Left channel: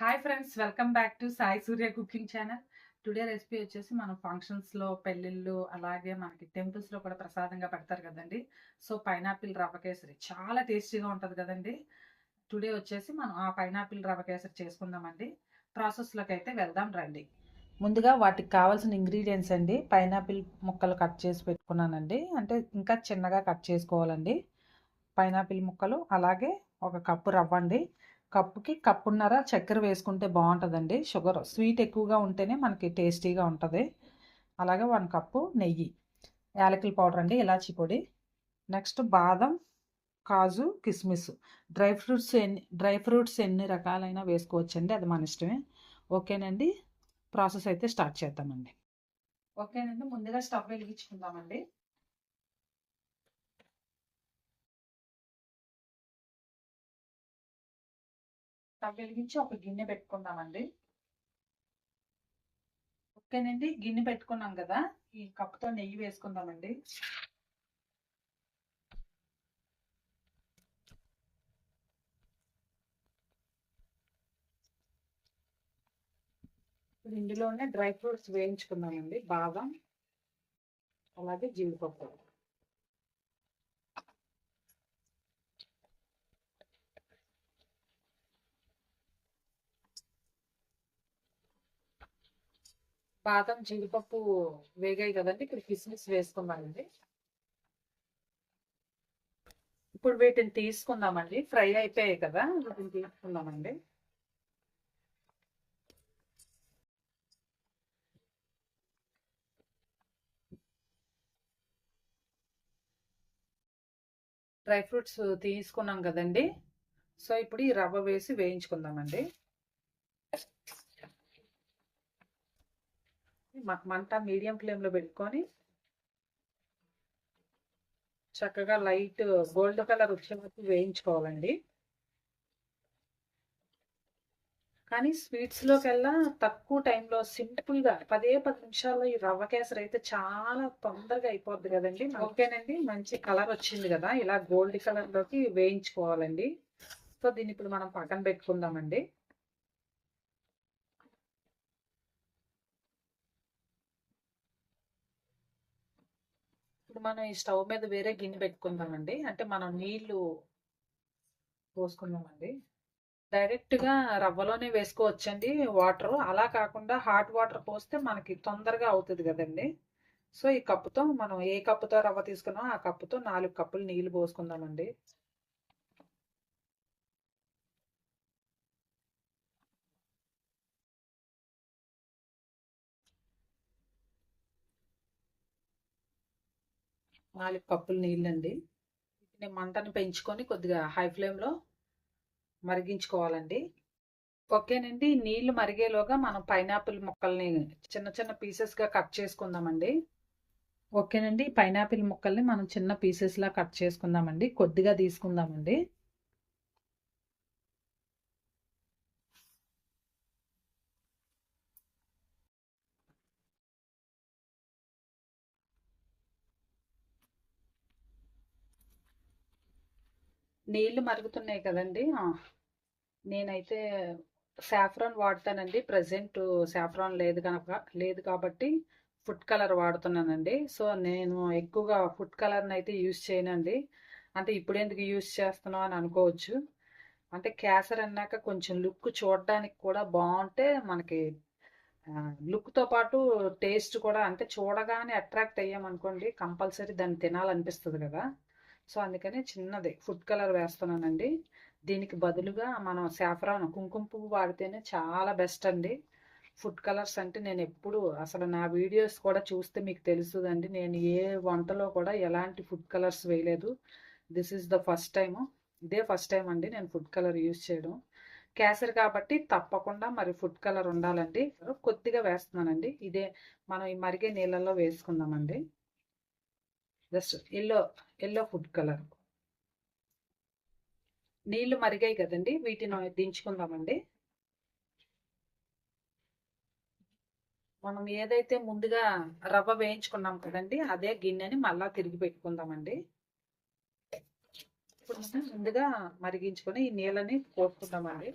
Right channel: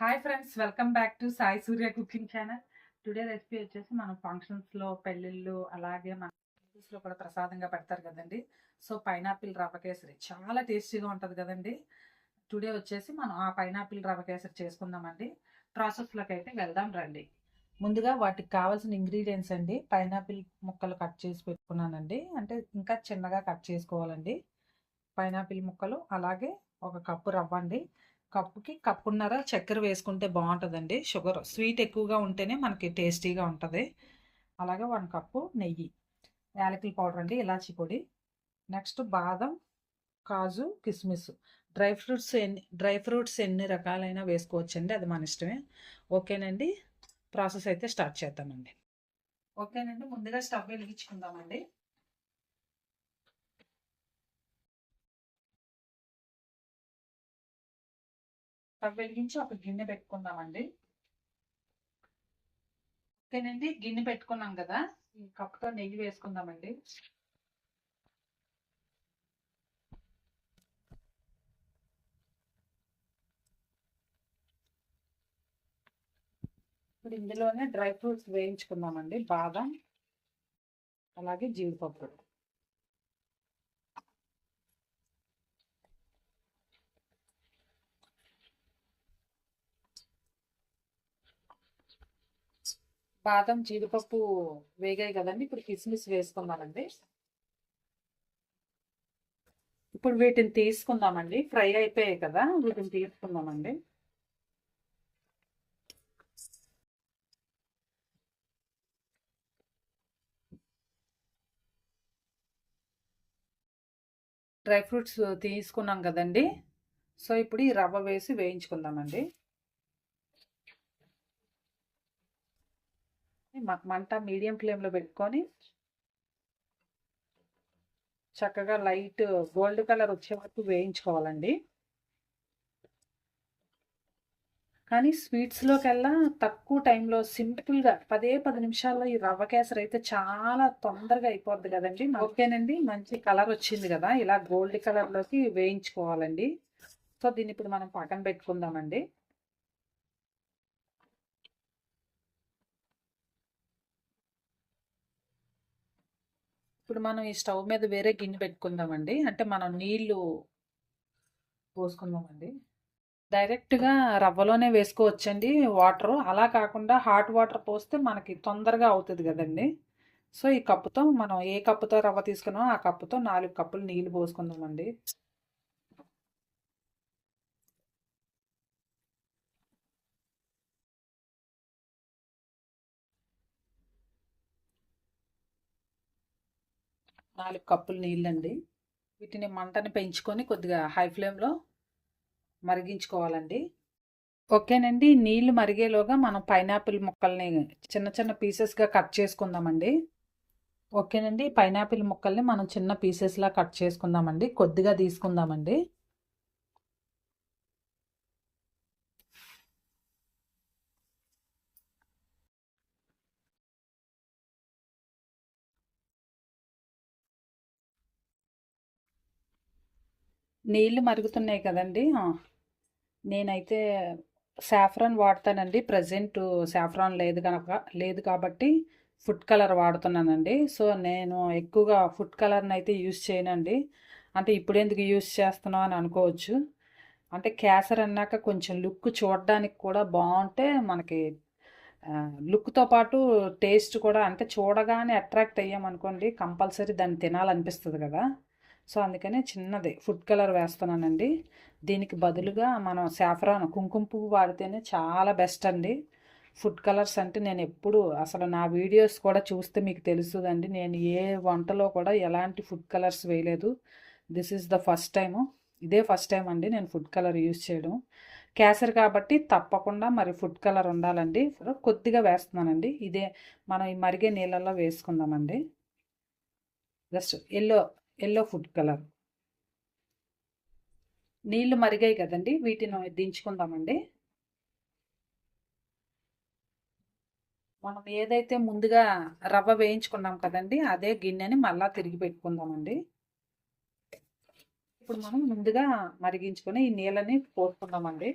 Hi friends, welcome back to Sai Surya cooking channel. Today recipe వచ్చేసి మనం ఫంక్షన్స్లో, పెళ్ళిళ్ళు, అలాగే మనకి టెంపుల్స్లో కూడా ప్రసాదంగా పెడతారు కదండి. సో పైనాపిల్ రవ్వ కేసరి చాలా టేస్టీగా ఉంటుంది కదండి. టుడే వచ్చేసి మనం ఆ పైనాపిల్ రవ్వ కేసరి చేసుకుందామండి. ప్రాసెస్లోకి అయితే వెళ్దాం రండి. ముందుగా వాటికి కావాల్సిన ఇంగ్రీడియంట్స్ అండి, పైనాపిల్ ముక్కలు కట్ చేసి పెట్టుకున్నానండి. అంటే ఇంకా చిన్నగా కట్ చేసుకోవాలండి పైనాపిల్ ముక్కలు. అలాగే ఒక కప్పు రవ్వ అండి. కప్పుకి కప్పున్నర చక్కెర వేసుకుంటే బాగుంటుందండి. షుగర్ స్వీట్ ఎక్కువగా ఉంటేనే మనకి టేస్టీగా ఉంటుంది. అలాగే 1 కప్పు నెయ్యి, యాలకుల పౌడర్ అండి, ఇలాచీ పొడి, నెక్స్ట్ బాదం, కాజు, కిస్మిస్, డ్రై ఫ్రూట్స్ ఎన్ని రకాలైనా వేసుకోవచ్చండి, అది మన ఇష్టమే. ఓకేనండి, ప్రాసెస్ అయితే స్టార్ట్ చేద్దామండి. ఓకేనండి, ముందుగా స్టవ్ వెలిగించుకుందామండి. స్టవ్ వెలిగించి ఒక గిన్నె పెట్టుకుందామండి. ఓకేనండి, గిన్నె పెట్టుకున్నాం కదా, ఈ కప్పుతో నెయ్యి వేసుకుందామండి. ఇప్పుడు ఇందులోనే డ్రై ఫ్రూట్స్ వేయించుకుందామండి. బాదం, అలాగే జీడిపప్పు. బాదం, జీడిపప్పు వేగాయి కదండి, ఇప్పుడు కిస్మిస్ వేసుకుందామండి. ఇప్పుడు వీటిని తీసుకుందామండి. ఫ్రై అయిపోయాయి కదా, వీటిని తీసుకుందామండి. డ్రై ఫ్రూట్స్ తీసుకున్నాం కదండి. సో ఇప్పుడు ఈ రవ్వ వేసి వేయించుకుందామండి. మంట మీడియం ఫ్లేమ్లో పెట్టుకొని చక్కగా లైట్ గోల్డ్ కలర్ వచ్చే వరకు వేయించుకోవాలండి. కానీ స్వీట్స్లోకెల్లా తక్కువ టైంలో సింపుల్గా 10 నిమిషాల్లో ఈ రవ్వ కేసరి అయితే చాలా తొందరగా అయిపోద్ది కదండి. ఓకేనండి, మంచి కలర్ వచ్చింది కదా, ఇలా గోల్డ్ కలర్లోకి వేయించుకోవాలండి. సో దీన్ని ఇప్పుడు మనం పక్కన పెట్టుకుందామండి. ఇప్పుడు మనం ఈ స్టవ్ మీద వేరే గిన్నె పెట్టుకుందామండి. అంటే మనం నీళ్లు పోసుకుందామండి. డైరెక్ట్గా రవ్వలోనే వేసుకోవచ్చండి వాటర్. అలా కాకుండా హాట్ వాటర్ పోస్తే మనకి తొందరగా అవుతుంది కదండి. సో ఈ కప్పుతో మనం ఏ కప్పుతో రవ్వ తీసుకున్నామో ఆ కప్పుతో 4 కప్పులు నీళ్లు పోసుకుందామండి. నాలుగు కప్పులు నీళ్ళండి. వీటిని మంటని పెంచుకొని కొద్దిగా హై ఫ్లేమ్లో మరిగించుకోవాలండి. ఓకేనండి, నీళ్లు మరిగేలోగా మనం పైనాపిల్ ముక్కల్ని చిన్న చిన్న పీసెస్గా కట్ చేసుకుందామండి. ఓకేనండి, పైనాపిల్ ముక్కల్ని మనం చిన్న పీసెస్లా కట్ చేసుకుందామండి. కొద్దిగా తీసుకుందామండి. నీళ్లు మరుగుతున్నాయి కదండి. నేనైతే సాఫ్రాన్ వాడతానండి. ప్రజెంట్ సాఫ్రాన్ లేదు కాబట్టి ఫుడ్ కలర్ వాడుతున్నానండి. సో నేను ఎక్కువగా ఫుడ్ కలర్ని అయితే యూస్ చేయనండి. అంటే ఇప్పుడు ఎందుకు యూస్ చేస్తున్నావు అని అనుకోవచ్చు. అంటే కేసరి అన్నాక కొంచెం లుక్ చూడడానికి కూడా బాగుంటే మనకి లుక్తో పాటు టేస్ట్ కూడా, అంటే చూడగానే అట్రాక్ట్ అయ్యామనుకోండి కంపల్సరీ దాన్ని తినాలనిపిస్తుంది కదా. సో అందుకనే చిన్నది ఫుడ్ కలర్ వేస్తున్నానండి. దీనికి బదులుగా మనం సాఫ్రాన్, కుంకుమ పువ్వు వాడితేనే చాలా బెస్ట్ అండి. ఫుడ్ కలర్స్ అంటే నేను ఎప్పుడు అసలు నా వీడియోస్ కూడా చూస్తే మీకు తెలుస్తుందండి, నేను ఏ వంటలో కూడా ఎలాంటి ఫుడ్ కలర్స్ వేయలేదు. This is the first time. ఇదే ఫస్ట్ టైం అండి నేను ఫుడ్ కలర్ యూస్ చేయడం. కేసరి కాబట్టి తప్పకుండా మరి ఫుడ్ కలర్ ఉండాలండి. కొద్దిగా వేస్తున్నానండి. ఇదే మనం ఈ మరిగే నీళ్ళల్లో వేసుకుందామండి. Just yellow food colour. నీళ్లు మరిగాయి కదండి, వీటిని దించుకుందామండి. మనం ఏదైతే ముందుగా రవ్వ వేయించుకున్నాం కదండి, అదే గిన్నెని మళ్ళా తిరిగి పెట్టుకుందామండి. ఇప్పుడు మనం ముందుగా మరిగించుకొని ఈ నీళ్ళని పోసుకుందామండి.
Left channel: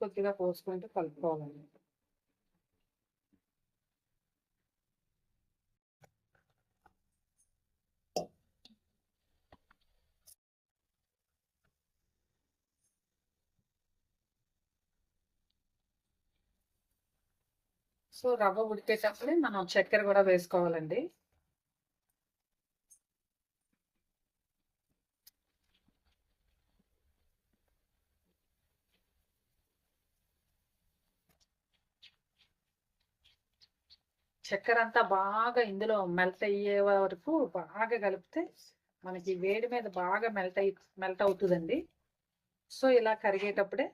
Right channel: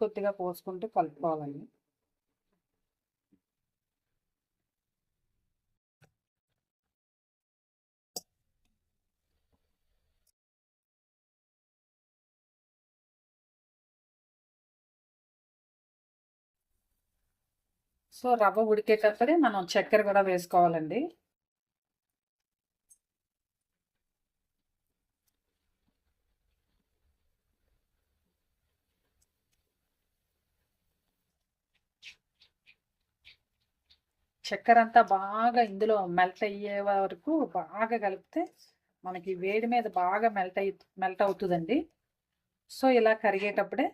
కొద్దిగా పోసుకుంటూ కలుపుకోవాలండి. సో రవ్వ ఉడికేటప్పుడే మనం చక్కెర కూడా వేసుకోవాలండి. చక్కెర అంతా బాగా ఇందులో మెల్ట్ అయ్యే వరకు బాగా కలిపితే మనకి వేడి మీద బాగా మెల్ట్ అవుతుందండి. సో ఇలా కరిగేటప్పుడే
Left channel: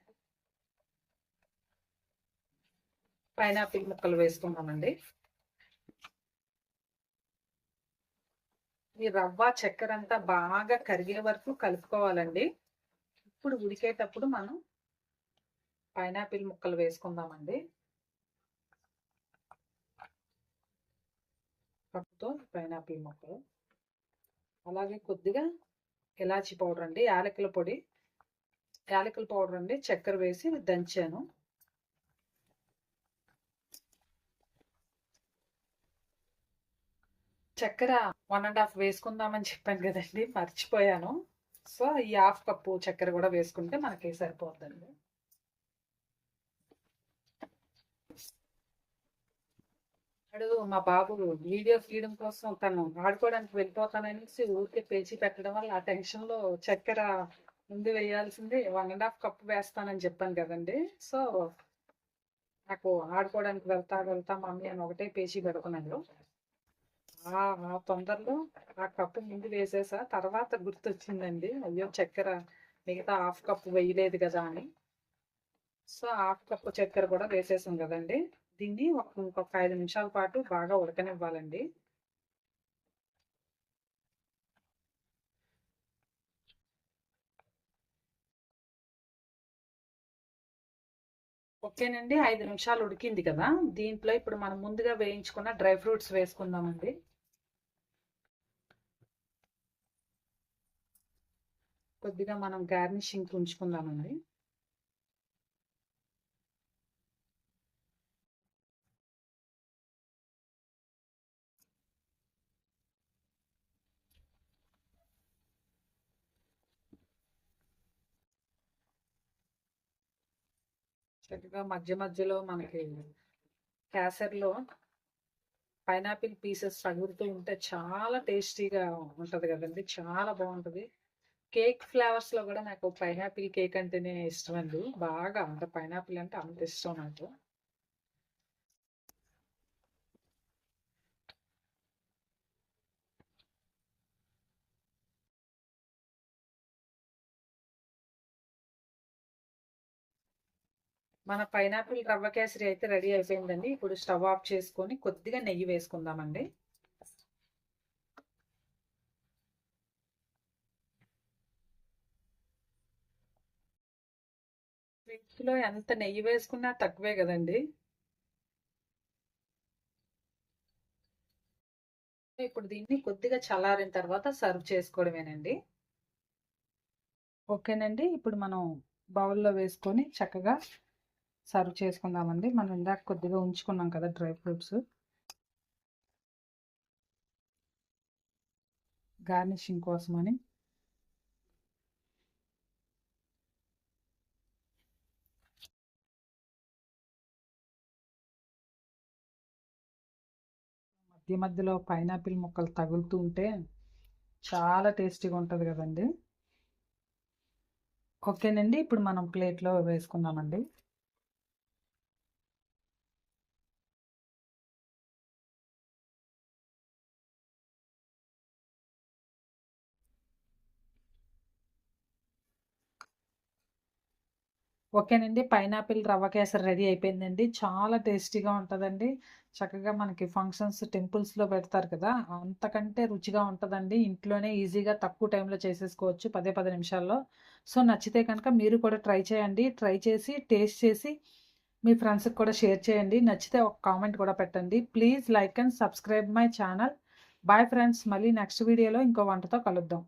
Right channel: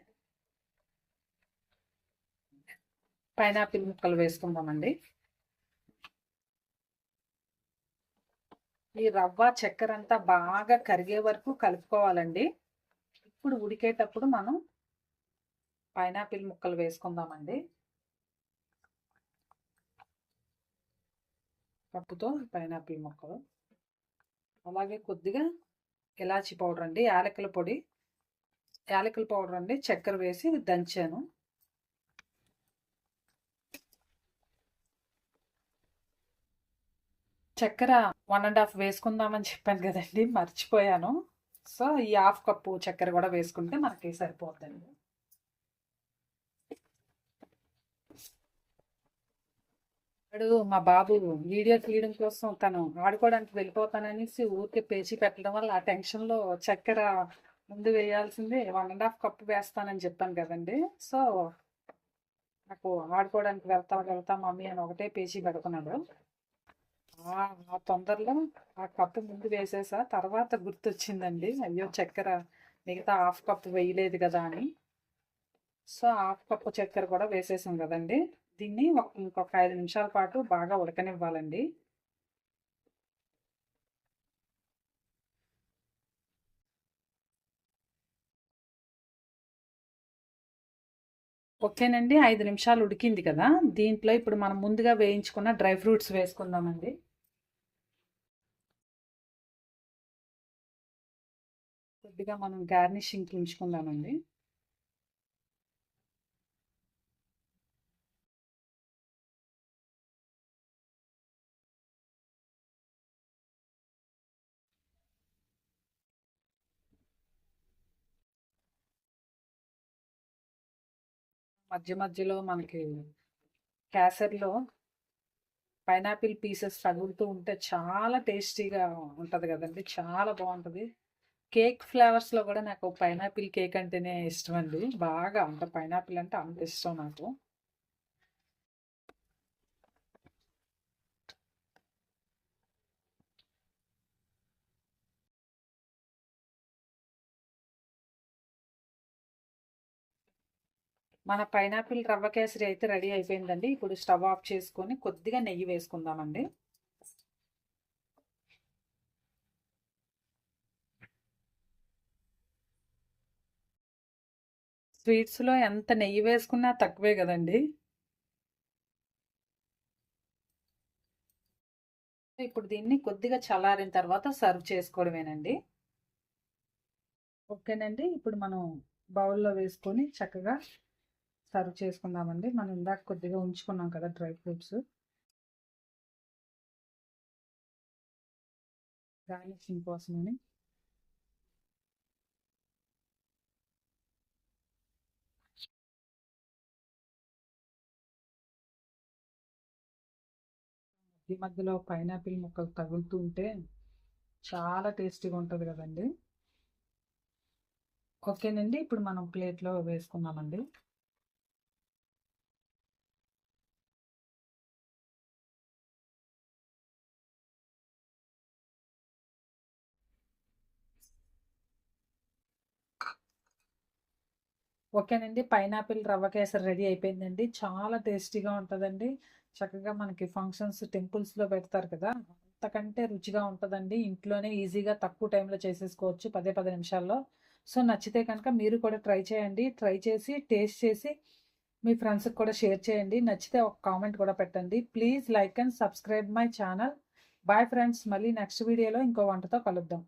పైనాపిల్ ముక్కలు వేసుకుందామండి. ఈ రవ్వ చక్కెర అంతా బాగా కరిగే వరకు కలుపుకోవాలండి. ఇప్పుడు ఉడికేటప్పుడు మనం పైనాపిల్ ముక్కలు వేసుకుందామండి. కప్పుతో పైనాపిల్ ముక్కలు, అలాగే కొద్దిగా ఇలాచి పౌడర్ అండి, యాలకుల పౌడర్ అండి, చక్కెర వేసి దంచాను. చక్కెర 1.5 వేసుకుందామని చెప్పాను కదండి, మర్చిపోయాను. సో ఈ 1/2 కప్పు చక్కెర కూడా వేసుకుంటే మనకి సరిపోద్దండి. మా బాబు వీడియో తీయడం కోసం తను ఆడుకోవడానికి వెళ్ళిపోతాననేసి ఊరికే పేచి పెట్టడం వల్ల ఆ టెన్షన్లో చక్కెర ముందు వేయాల్సింది 1.5 కప్పు వేస్తానని చెప్పాను కదండి. సో నాకు ఆడుకోవడానికి వెళ్తా మమ్మీ అని ఒకటే పేచి పెడుతున్నాడు. ఆ తొందరలో ఆ కప్పు ముందు వేసేసా, తర్వాత గుర్తొచ్చిందండి, అయ్యో చక్కెర మిగతా 1/2 కప్పు వేయలేదు కదా అని. సో 1/2 కప్పు చక్కెర కూడా వేసేసాం కదండి. దీన్ని ఇంకొక 5 నిమిషాల పాటు బాగా ఉడకనివ్వాలండి. ఓకేనండి, 5 నిమిషాలు ఉడికింది కదా. దీంట్లో ఇప్పుడు మనం ముందుగా వేయించుకున్న డ్రై ఫ్రూట్స్ వేసుకుందామండి. కొద్దిగా మనం గార్నిషింగ్ ఉంచుకుందామండి. చక్కగా మధ్యలో మనకి కేసర్లో పైనాపిల్ పీసెస్ తగులుతూ ఉంటే చాలా టేస్టీగా ఉంటుంది కదండి, చాలా బాగుంటుంది. కేక్ ఫ్లేవర్స్లో కూడా నాకు పైనాపిల్ కేక్ అంటేనే ఇష్టం అండి, బాగా అంత పైనాపిల్ అంటే అంత ఇష్టం నాకు. మన పైనాపిల్ రవ్వ కేసరి అయితే రెడీ అయిపోయిందండి. ఇప్పుడు స్టవ్ ఆఫ్ చేసుకొని కొద్దిగా నెయ్యి వేసుకుందామండి. స్వీట్స్లో ఎంత నెయ్యి వేసుకున్నా తక్కువే కదండి. ఇప్పుడు దీన్ని కొద్దిగా చల్లారిన తర్వాత సర్వ్ చేసుకోవడమేనండి. ఓకేనండి, ఇప్పుడు మనం బౌల్లో వేసుకొని చక్కగా సర్వ్ చేసుకుందామండి. మనం ఇందాక కొద్దిగా ఉంచుకున్నాం కదా డ్రై ఫ్రూట్స్, గార్నిషింగ్ కోసమని. మధ్యలో పైనాపిల్ ముక్కలు తగులుతూ ఉంటే చాలా టేస్టీగా ఉంటుంది కదండి. ఓకేనండి, ఇప్పుడు మనం ప్లేట్లో వేసుకుందామండి. ఓకేనండి, పైనాపిల్ రవ్వ కేసరి రెడీ అయిపోయిందండి. చాలా టేస్టీగా ఉంటుందండి. చక్కగా మనకి ఫంక్షన్స్ టెంపుల్స్లో పెడతారు కదా, అంతకంటే రుచిగా ఉంటుందండి. ఇంట్లోనే ఈజీగా తక్కువ టైంలో చేసేసుకోవచ్చు, 10 నిమిషాల్లో. సో నచ్చితే కనుక మీరు కూడా ట్రై చేయండి. ట్రై చేసి టేస్ట్ చేసి మీ ఫ్రెండ్స్కి కూడా షేర్ చేయండి. నచ్చితే ఒక కామెంట్ కూడా పెట్టండి. Please like and subscribe my channel. Bye friends, మళ్ళీ నెక్స్ట్ వీడియోలో ఇంకో వంటతో కలుద్దాం.